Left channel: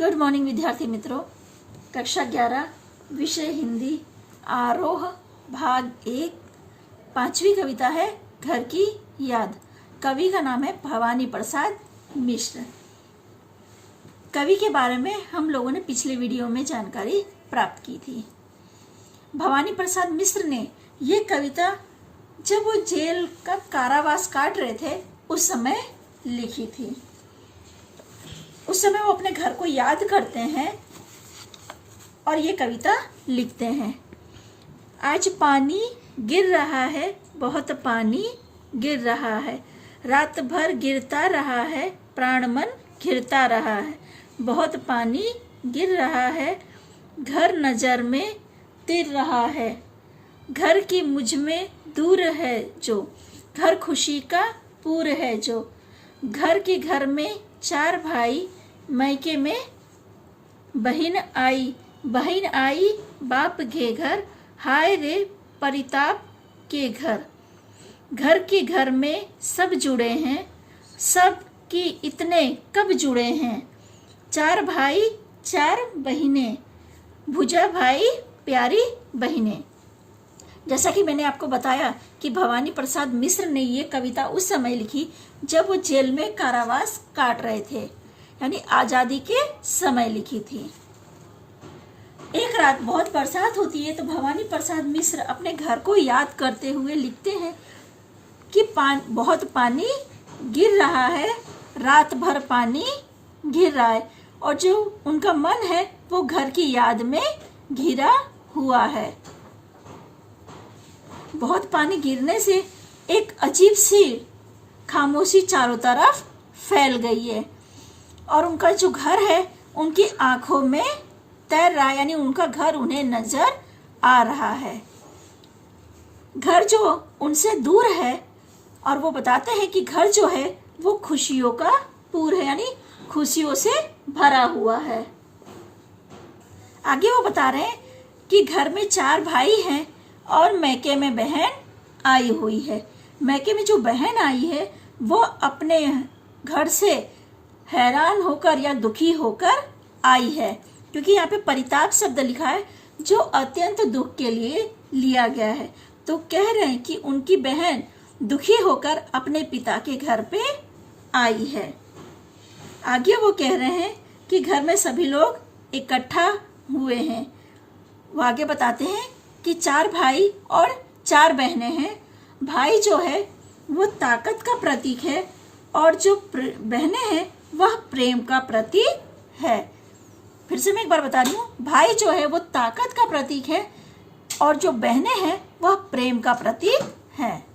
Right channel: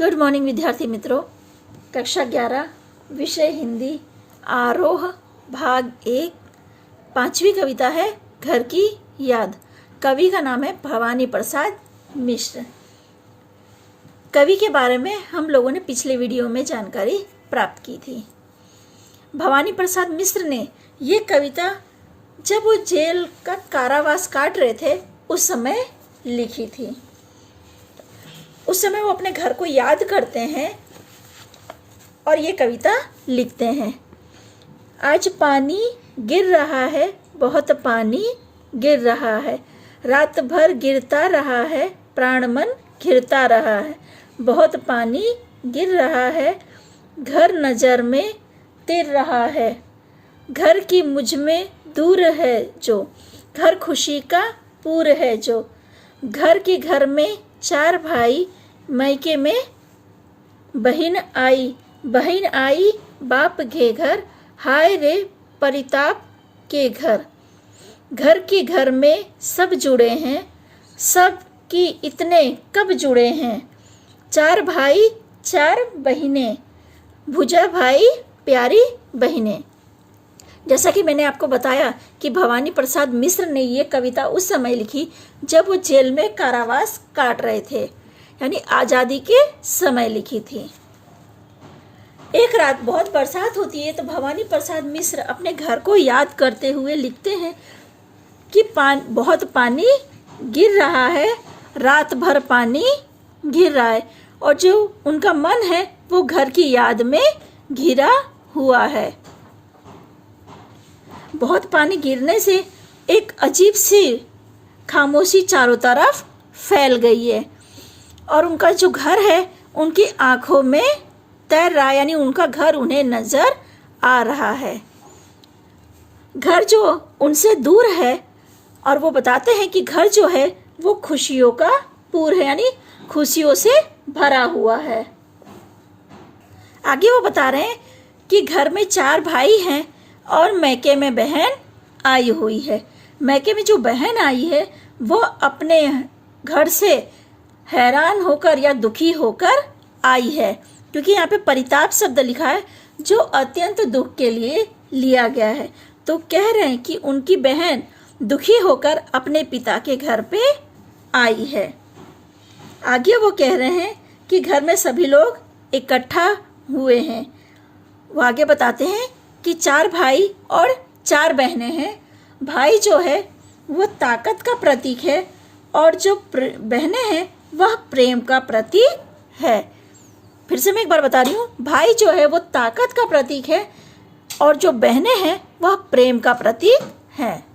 Good morning विद्यार्थी मित्रों। कक्षा 11 विषय हिंदी आरोह भाग 1 पांचवी कविता है घर की याद। कवि का नाम है भवानी प्रसाद मिश्र। कवि के बारे में हम लोगों ने पिछले वीडियो में जानकारी प्राप्त की थी। भवानी प्रसाद मिश्र ने ये कविता जब वो जेल का कारावास काट रहे थे उस समय लिखी थी। उस समय वो अपने घर को याद करते हैं और ये कविता लिखते हैं। आज पानी गिर रहा है, बहुत पानी गिर रहा है, रात भर गिरता रहा है, प्राण मन घिरता रहा है, बहुत पानी गिर रहा है, घर नजर में तिर रहा है, घर की मुझ में दूर है जो, घर खुशी का पूर है जो, घर के घर में चार भाई, मैके में बहन आई बाप के घर, हाय रे परिताप के घर, घर के घर में सब जुड़े हैं, सब की इतने कब जुड़े हैं, चार भाई चार बहिनें, भुजा भाई प्यारी बहिनें। जैसा कि मैंने आपको बताया कि भवानी प्रसाद मिश्र ने ये कविता उस समय लिखी जब वो जेल में कारावास काट रहे थे, यानी आज़ादी के समय लिखी थी। एक रात बहुत बरसात होती है तो भवानी प्रसाद मिश्र अपने घर को याद करते हुए लिखते हैं कि बहुत पानी गिर रहा है, रात भर पानी गिर रहा है, और जो उनका मन है वो घर की याद में घिरा हुआ है। बहुत पानी गिरने से एक अजीब सी खामोशी चारों तरफ फैल गई है और उनका जो घर है उनकी आंखों में तैर रहा है, यानी उनका घर उन्हें नजर आ रहा है। घर जो उनसे दूर है और वो बताते हैं कि घर जो है वो खुशियों का पूर है, यानी खुशियों से भरा हुआ है। आगे वो बता रहे हैं कि घर में चार भाई हैं और मैके में बहन आई हुई है। मैके में जो बहन आई है वो अपने घर से हैरान होकर या दुखी होकर आई है, क्योंकि यहाँ पे परिताप शब्द लिखा है जो अत्यंत दुख के लिए लिया गया है। तो कह रहे हैं कि उनकी बहन दुखी होकर अपने पिता के घर पे आई है। आगे वो कह रहे हैं कि घर में सभी लोग इकट्ठा हुए हैं। वो आगे बताते हैं कि चार भाई और चार बहनें हैं। भाई जो है वो ताकत का प्रतीक है और जो बहनें हैं वह प्रेम का प्रतीक है। फिर से मैं एक बार बता रही हूँ, भाई जो है वो ताकत का प्रतीक है और जो बहनें हैं वह प्रेम का प्रतीक है।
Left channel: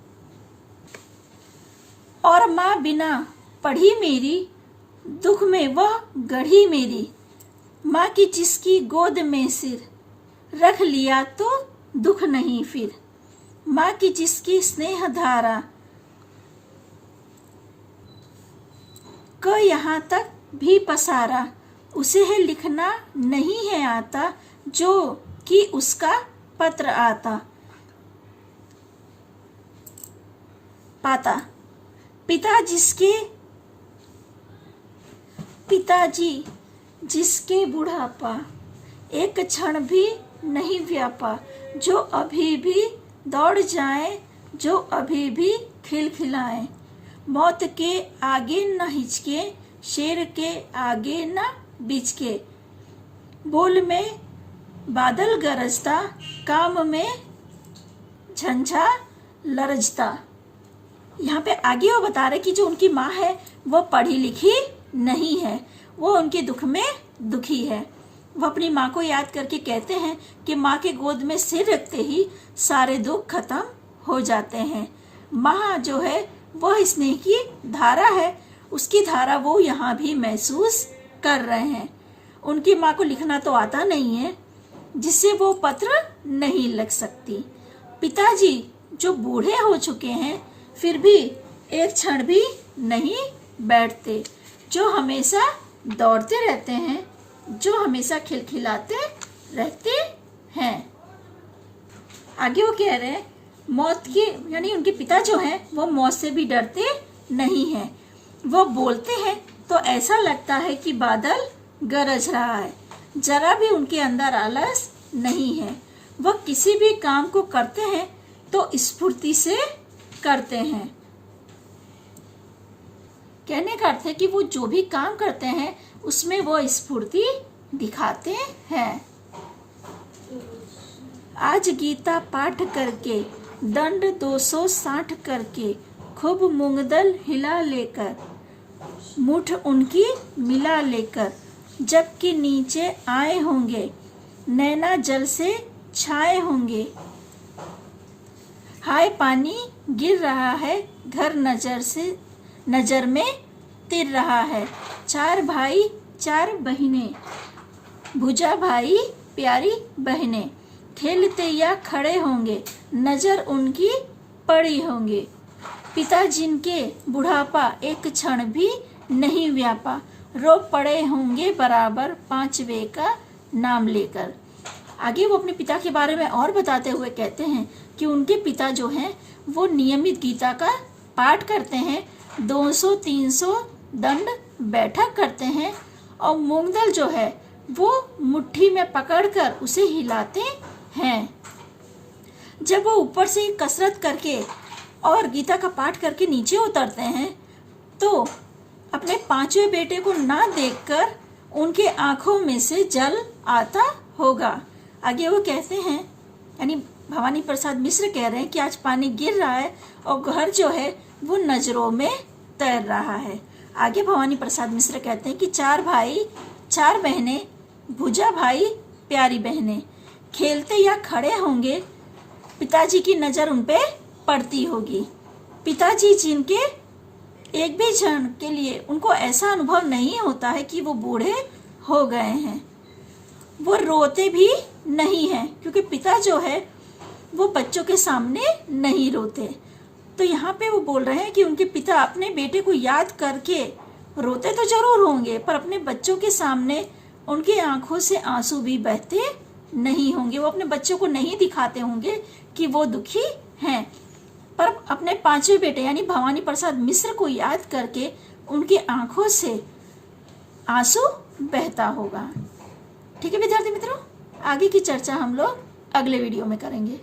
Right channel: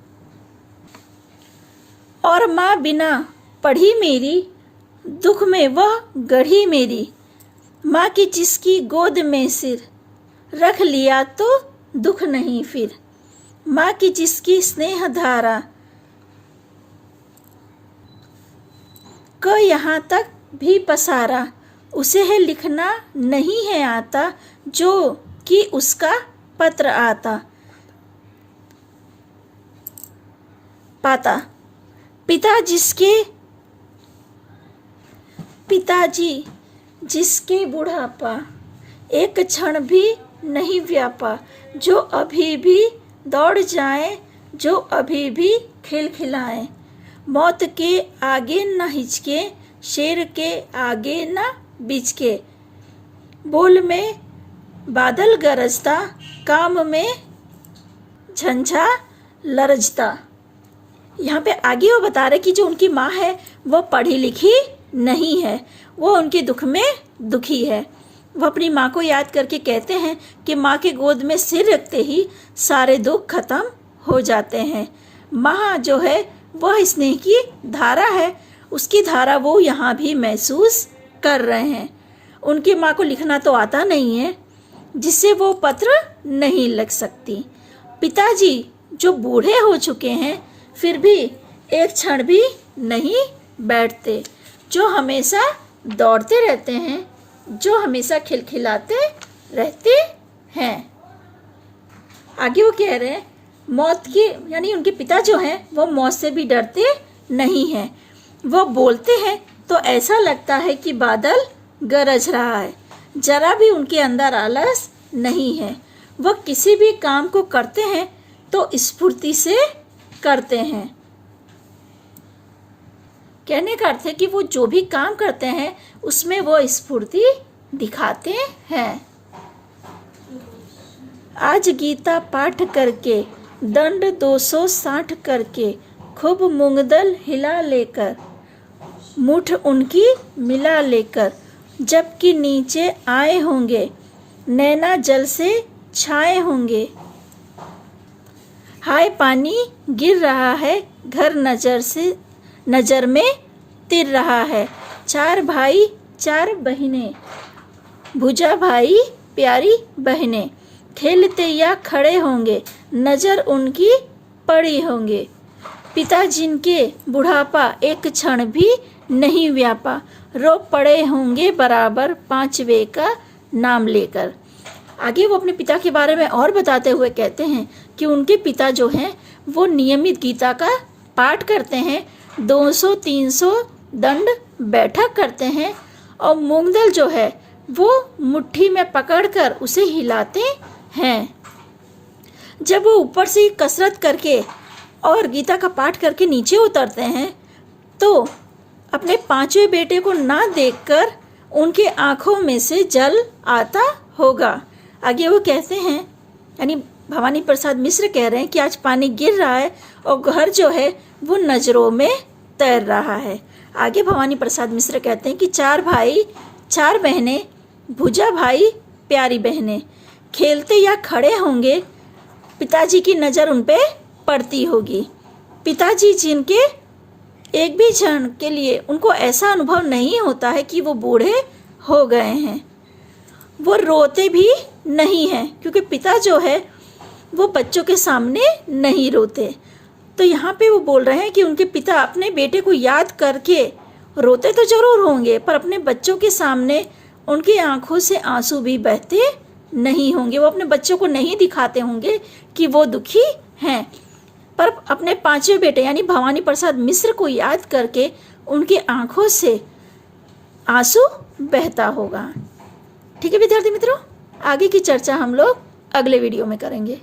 और माँ बिना पढ़ी मेरी, दुख में वह गढ़ी मेरी, माँ की जिसकी गोद में सिर, रख लिया तो दुख नहीं फिर, माँ की जिसकी स्नेह धारा को यहाँ तक भी पसारा, उसे है लिखना नहीं है आता, जो कि उसका पत्र आता पाता, पिताजी जिसके बुढ़ापा एक क्षण भी नहीं व्यापा, जो अभी भी दौड़ जाए, जो अभी भी खिलखिलाए, मौत के आगे न हिचके, शेर के आगे न बिचके, बोल में बादल गरजता, काम में झंझा लरजता। यहाँ पे आगे वो बता रहे कि जो उनकी माँ है वो पढ़ी लिखी नहीं है, वो उनके दुख में दुखी है। वो अपनी माँ को याद करके कहते हैं कि माँ के गोद में सिर रखते ही सारे दुख खत्म हो जाते हैं। माँ जो है वह स्नेह की धारा है, उसकी धारा वो यहाँ भी महसूस कर रहे हैं। उनकी माँ को लिखना तो आता नहीं है, जिससे वो पत्र नहीं लिख सकती। पिताजी जो बूढ़े हो चुके हैं फिर भी एक क्षण भी नहीं बैठते, जो हमेशा दौड़ते रहते हैं, जो हमेशा खिलखिलाते रहते हैं। आगे वो कह रहे हैं मौत की, यानी उनके पिता जो हैं वो मौत से भी डरते नहीं हैं। वो बोलते हैं तो ऐसा लगता है कि बादल गरज रहा है। जरा भी उनके अंदर आलस नहीं है। वह किसी भी काम को करते हैं तो स्फूर्ति से करते हैं। कहने का अर्थ है कि वो जो भी काम करते हैं उसमें वो स्फूर्ति दिखाते हैं। आज गीता पाठ करके दंड 260 करके खूब मूंगदल हिला लेकर मुठ उनकी मिला लेकर जबकि नीचे आए होंगे नैना जल से छाए होंगे। हाय पानी गिर रहा है घर नजर में तिर रहा है। 4 भाई 4 बहिनें भुजा भाई प्यारी बहनें खेलते या खड़े होंगे नजर उनकी पड़ी होंगे। पिता जिनके बुढ़ापा एक क्षण भी नहीं व्यापा रो पड़े होंगे बराबर 5वें का नाम लेकर। आगे वो अपने पिता के बारे में और बताते हुए कहते हैं कि उनके पिता जो हैं वो नियमित गीता का पाठ करते हैं, 200-300 दंड बैठक करते हैं और मूंगदल जो है वो मुट्ठी में पकड़कर उसे हिलाते हैं। जब वो ऊपर से कसरत करके और गीता का पाठ करके नीचे उतरते हैं तो अपने 5वें बेटे को ना देखकर उनके आंखों में से जल आता होगा। आगे वो कहते हैं, यानी भवानी प्रसाद मिश्र कह रहे हैं कि आज पानी गिर रहा है और घर जो है वो नजरों में तैर रहा है। आगे भवानी प्रसाद मिश्र कहते हैं कि 4 भाई 4 बहनें भुजा भाई प्यारी बहनें खेलते या खड़े होंगे पिताजी की नज़र उन पे पड़ती होगी। पिताजी जिनके एक भी क्षण के लिए उनको ऐसा अनुभव नहीं होता है कि वो बूढ़े हो गए हैं। वो रोते भी नहीं हैं क्योंकि पिता जो है वो बच्चों के सामने नहीं रोते। तो यहाँ पे वो बोल रहे हैं कि उनके पिता अपने बेटे को याद करके रोते तो जरूर होंगे पर अपने बच्चों के सामने उनकी आंखों से आंसू भी बहते नहीं होंगे। वो अपने बच्चों को नहीं दिखाते होंगे कि वो दुखी हैं, पर अपने 5वें बेटे यानी भवानी प्रसाद मिश्र को याद करके उनकी आंखों से आंसू बहता होगा। ठीक है विद्यार्थी मित्रों, आगे की चर्चा हम लोग अगले वीडियो में करेंगे।